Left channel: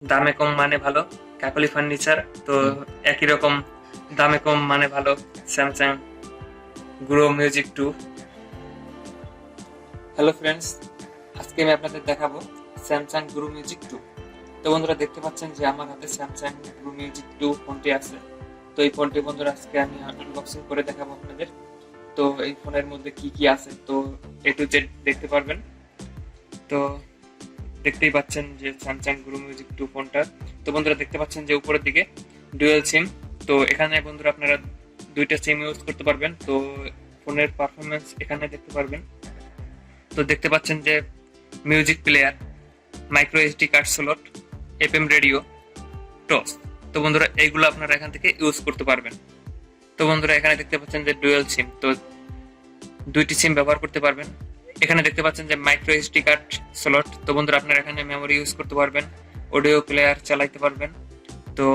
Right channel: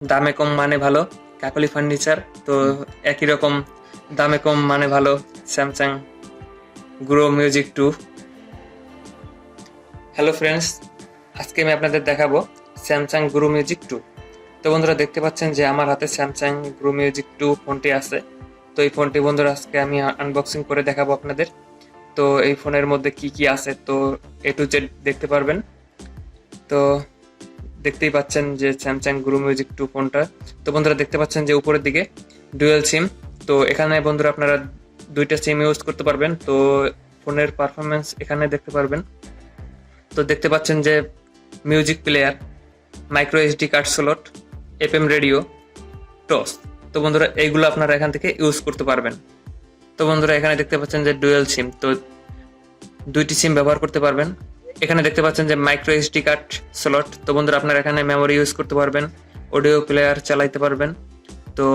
দামে কম মানে ভালো, কাকলি ফার্নিচার। তো একই রকম দামে কম মানে ভালো, Samsung grow music 2। Hello friends, আজকে আমি আপনাদের দেখাবো স্যামসাং গ্রো মিউজিক 2। তো বন্ধুরা দেখতে পাচ্ছেন যে আমার হাতে স্যামসাং গ্রো মিউজিক 2 ফোনটি আছে। তো এই ফোনটি বন্ধুরা আজকে আমি আনবক্সিং করে দেখাবো আপনাদের। তো এই ফোনের মধ্যে কি কি আছে তো এ টু জেড দেখতে পারবেন। তো দেখতেই পাচ্ছেন যে স্যামসাং গ্রো মিউজিক 2 ফোনটা। তো বন্ধুরা দেখতে পাচ্ছেন যে উপরের দিকে ডুয়াল সিম। তো এখানে বন্ধুরা আপনারা দুইটা সিম ইউজ করতে পারবেন। তো ফোনের পারফরমেন্স এখানে দেখতে পারবেন। তো দেখতে পাচ্ছেন যে music player, micro SD card slot, FM radio, toss. তো বন্ধুরা এইগুলো আপনারা এখান থেকে ইউজ করতে পারবেন। তো বন্ধুরা এখানে দেখতে পাচ্ছেন যে ডুয়াল সিম, তো দুইটি সিম ব্যবহার করতে পারবেন। এখানে দেখতে পাচ্ছেন যে মাইক্রো এসডি কার্ড স্লট। তো বন্ধুরা আপনারা এখানে মেমোরি ইউজ করতে পারবেন, অডিও প্লেয়ার চালাইতে পারবেন। তো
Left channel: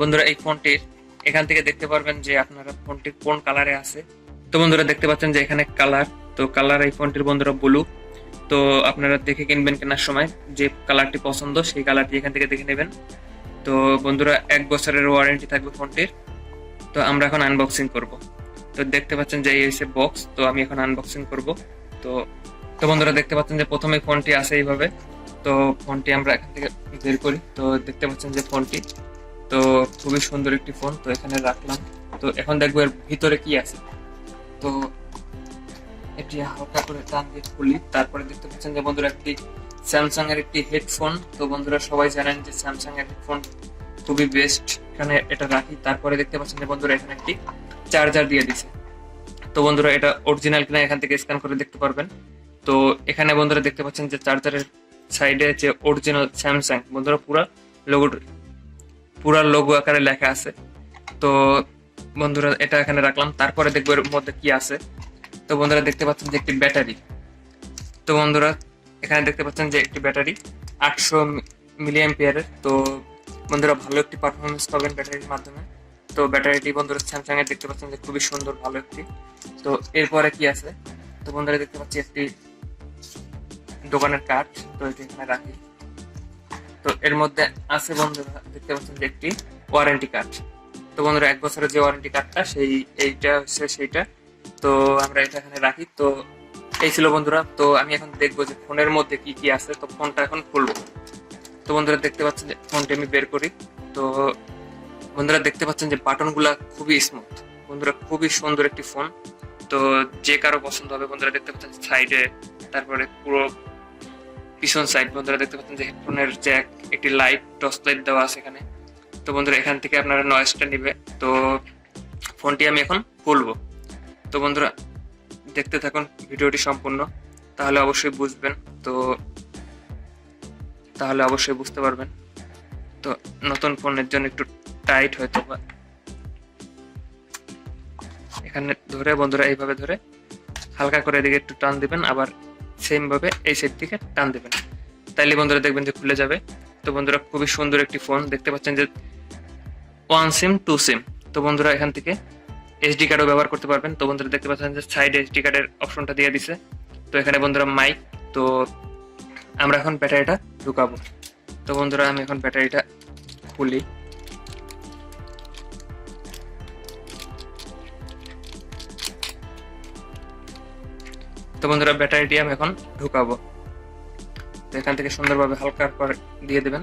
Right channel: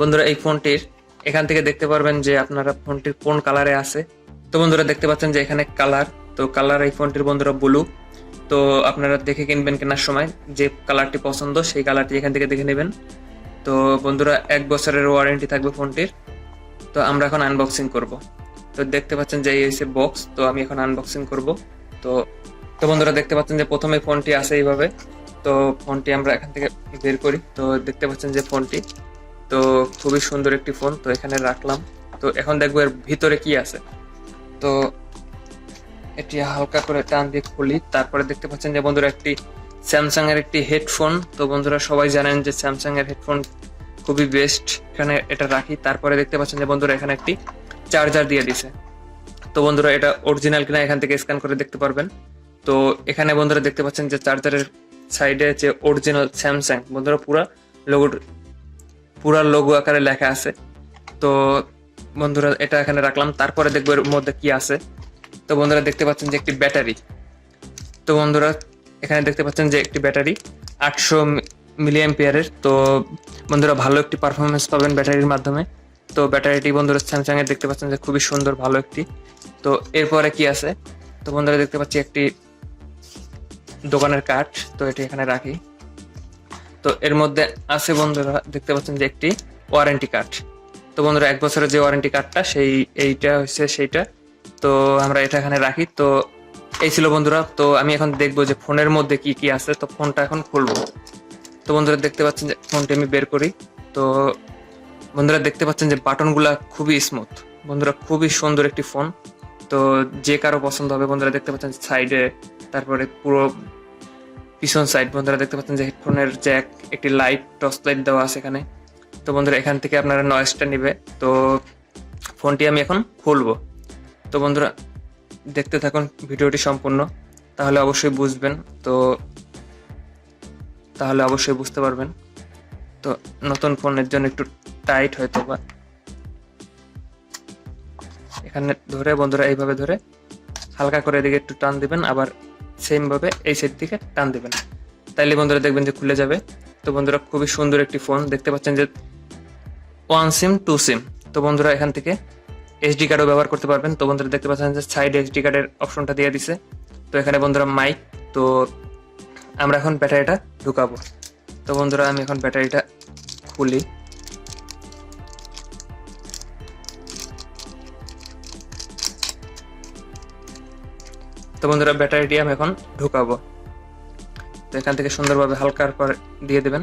বন্ধুরা এই ফোনটির এখান থেকে দেখতে পারবেন যে আপনারা ফোনটির কোন কালারে আছে। তো বন্ধুরা দেখতে পাচ্ছেন যে এখানে কালার, তো কালার এই ফোনটির বন্ধুরা ব্লু। তো আপনারা দেখে কিনবেন, কেনার সময় যে কালারটি পছন্দ সেই কালারটি এখান থেকে দেখে নেবেন। তো বন্ধুরা 1 বছরের ওয়ারেন্টি থাকবে ফোনটির। তো আমরা এখন আনবক্সিং করব। তো দেখতে পাচ্ছেন যে এই হচ্ছে বক্স, তো আমি এখন আনবক্সিং করব। তো তো বন্ধুরা দেখতে পাচ্ছেন যে প্রথমে ফোনটি আছে এইভাবে। তো ফোনটি আমরা এখান থেকে বের করি। তো দেখতে পাচ্ছেন যে ফোনটি তো খুবই সুন্দর একটি ফোন, তো এখানে রাখলাম। তো এখন দেখবো এর ভিতরে কি আছে। তো এটি হালকা করে টান দিয়ে খুলি, তারপরে দেখতে পাচ্ছেন যে বন্ধুরা একটি স্যামসাং এর একটি হেডফোন। তো বন্ধুরা সবাই জানেন যে স্যামসাং এর হেডফোন খুবই বেস্ট। এখানে এটা রাখি, তারপরে দেখতে পাচ্ছেন যে বন্ধুরা এখানে একটি চার্জার দিয়ে দিছে। তো বন্ধুরা এটা অরিজিনাল কিনা এখান থেকে স্ক্যান করে দেখতে পারবেন। তো এখানে বন্ধুরা দেখতে পাচ্ছেন যে চার্জারের সাইডে যে অরিজিনাল স্যামসাং বন্ধুরা পুরা লোগো আকারে লেখা আছে। তো বন্ধুরা এটা এখানে রাখলাম, তারপরে দেখবো এর মধ্যে কি আছে। তো বন্ধুরা দেখতে পাচ্ছেন যে একটি ব্যাটারি। তো বন্ধুরা এখানে দেখতে পাচ্ছেন যে একটি ব্যাটারি 800 মিলি অ্যাম্পিয়ারের। তো বন্ধুরা ভালো একটি পারফরমেন্স পাবেন ব্যাটারির মাধ্যমে। তো ব্যাটারিটি বন্ধুরা স্যামসাং এর দেখতে পাচ্ছেন যে খুবই সুন্দর, ভালো একটি। তো এরপরে কি আছে, তো বন্ধুরা দেখতে পাচ্ছি একটি দোকানের কার্ড। তো এটি এখানে রাখি। তো এর মধ্যে আছে বন্ধুরা দেখতে পাচ্ছেন যে একটি ওয়ারেন্টি কার্ড। তো বন্ধুরা 1 বছরের যে ওয়ারেন্টি কার্ডটা এইটা হচ্ছে সেইটা। তো আমরা এটা এখানে রাখি। তো এই ছিল বন্ধুরা। তো আমি এখন দেখবো যে ফোনের মধ্যে কি কি আছে। তো ফোনটা এখন খুলবো। তো বন্ধুরা দেখতে পাচ্ছেন যে ফোনটি আমি বের করি। তো বন্ধুরা দেখতে পাচ্ছেন যে বাটনগুলা খুবই স্মুথ, বন্ধুরা খুবই সুন্দর একটি ফোন। তো যে কারো পছন্দ হবে। বন্ধুরা দেখতে পাচ্ছেন সাইডে, তারপরে পুরো পিছন সাইড বন্ধুরা দেখতে পাচ্ছেন যে হেডফোনের জ্যাক, একটি লাইট, টর্চ লাইট দেওয়া আছে এখানে। তো বন্ধুরা এখান থেকে আপনারা নয়েজটা নিবে। তো ফোনটি আমি এখন খুলবো। তো বন্ধুরা দেখতে থাকুন ভিডিওটি সম্পূর্ণ, তাহলে অবশ্যই বুঝবেন। তো তাহলে অবশ্যই বুঝতে পারবেন। তো নতুন ফোনের জন্য একটু টাইট হয়তো বা, এখানে ধরে বন্ধুরা এইভাবে ধরে হালকা করে এদিকে একটু টান দিবেন, আবার সেম ভাবে এই সাইড থেকে টান দিবেন, তাইলে বন্ধুরা দেখবেন যে খুলে যাবে। তো বন্ধুরা খুবই সুন্দর একটি ফোন। দেখতে পাচ্ছেন যে 1 সিম 2 সিম। তো বন্ধুরা এখান থেকে এসডি কার্ডও ব্যবহার করতে পারবেন। তো বন্ধুরা দেখতে পাচ্ছেন যে সাইডে এসডি কার্ডের অপশনটা দিয়ে দিছে। তো এখানে বন্ধুরা মাইক। তো আমরা এখন ব্যাটারিটা ঢুকাবো। তো বন্ধুরা আমি এখন ব্যাটারিটা খুলি। তো বন্ধুরা ব্যাটারিটি আমি এখন ঢুকাবো। তো এখান থেকে সুন্দরভাবে হালকার পর দিয়ে দেবেন।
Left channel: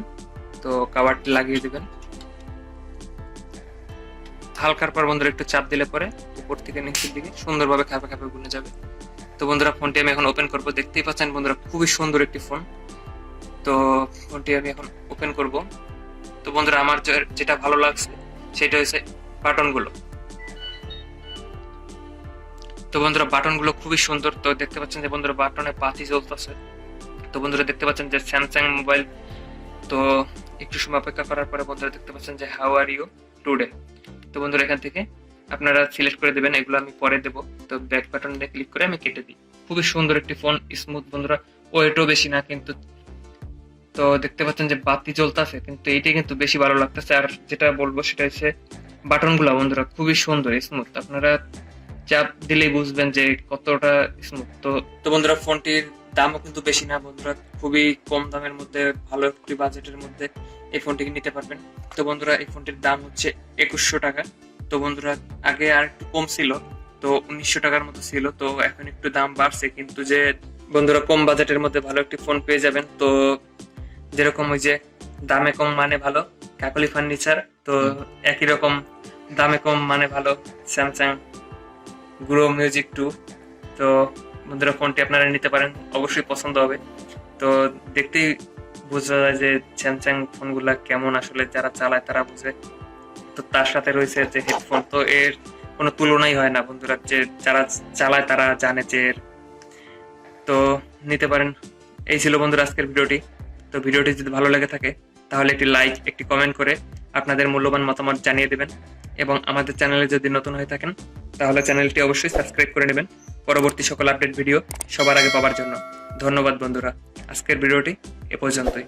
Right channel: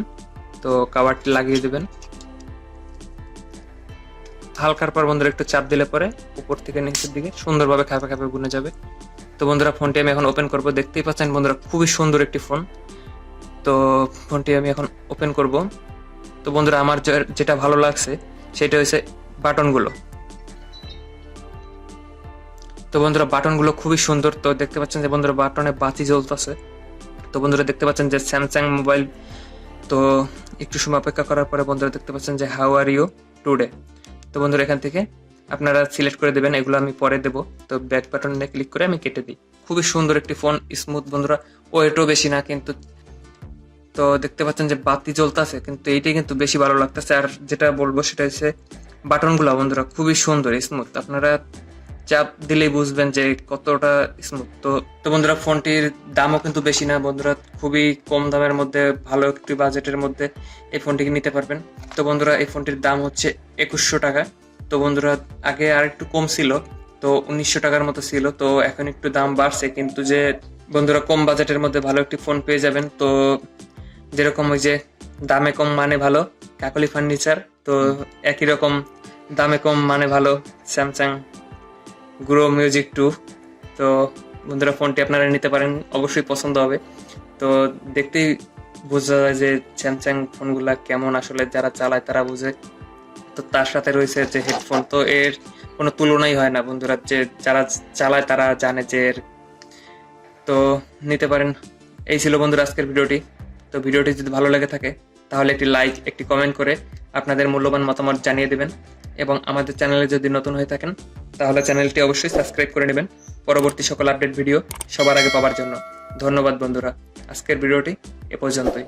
তো কাভারটি লাগিয়ে দেবেন। হালকার পর বন্ধুরা একটু চাপ দিলে পরে উপর থেকে নিচের দিকে সুন্দরভাবে খাপে খাপে গুনে যাবে। তো বন্ধুরা ফোনটি আমি এখন ওপেন করব। দেখতেই পাচ্ছেন বন্ধুরা খুবই সুন্দর একটি ফোন। তো ফোনটি আমি এখন ওপেন করব। তো বন্ধুরা আমার যেটা ভালো লাগছে সেটা হচ্ছে বাটনগুলো। তো বন্ধুরা বাটনগুলো খুবই সুন্দর। তো দেখতে পাচ্ছেন যে বন্ধুরা বাটনে বাতি জ্বলতেছে। তো বন্ধুরা দেখতে পাচ্ছেন যে স্যামসাং মোবাইল। তো একটু সময় অপেক্ষা করার পরে বন্ধুরা দেখতে পাচ্ছেন যে হাউ আর ইউ টুডে। তো বন্ধুরা এখান থেকে আপনারা সিলেক্ট করে দেবেন, এগুলো আমি পরে দেবো। তো ব্যাক বাটনে ক্লিক করে আমি কেটে দিই। খুবই সুন্দর একটি ফোন, স্মুথ বন্ধুরা, ওয়েটও বেশি না কিন্তু। তো দেখতে পাচ্ছেন যে বাতি জ্বলতেছে, কিন্তু এইটাই কিন্তু বেশি ভালো লাগতেছে। আর যেটা বলবো সেটা হচ্ছে বাটনগুলো বন্ধুরা খুবই সুন্দর, স্মুথ। আপনারা চাপ দিলেই বুঝবেন যে কতটা স্মুথ। তো তো বন্ধুরা, ফোনটির দামও কিন্তু বেশি না বন্ধুরা, খুবই কম দামের মধ্যে ভালো একটি বাজেটের মধ্যে এই ফোনটিকে নিতে পারবেন। তো বন্ধুরা, এই ফোনটির দাম হচ্ছে 2100 টাকা। তো বন্ধুরা, আগে আর একটু কম ছিল, তো 1900 টাকার মতো ছিল, তো এখন একটু দাম বাড়ছে। কিন্তু যে বন্ধুরা, কম বাজেটের মধ্যে ভালো একটি ফোন পেয়ে যাবেন। তো যেরকম ওই যে দামে কম মানে ভালো, কাকলি ফার্নিচার, তো একই রকম দামে কম মানে ভালো স্যামসাং গ্রো মিউজিক 2। তো বন্ধুরা, ফোনটি আপনারা নিতে পারেন, অবশ্যই পছন্দ হবে। তো দেখতেই বোঝা যায় যে স্যামসাং ফোনগুলা কেমন, আসলে যারা চালায় তারা বুঝে। তো তার সাথে রয়েছে যে হেডফোন, তো এর কোনো তুলনাই হয় না বন্ধুরা, যে যারা চালায় তারা জানে যে এর। তো নিতে পারেন। এই ছিল বন্ধুরা আজকের ভিডিওটি। তো ভিডিওটি যদি ভালো লেগে থাকে তাহলে একটি লাইক, একটি কমেন্ট করে আপনাদের মূল্যবান মতামত জানিয়ে দেবেন। এবং আমাদের চ্যানেলে যদি নতুন হয়ে থাকেন তাহলে চ্যানেলটি অবশ্যই সাবস্ক্রাইব করে নেবেন পরবর্তী সকল আপডেট ভিডিও সবার আগে পাওয়ার জন্য। ধন্যবাদ বন্ধুরা, আজকের ভিডিওটি এ পর্যন্তই।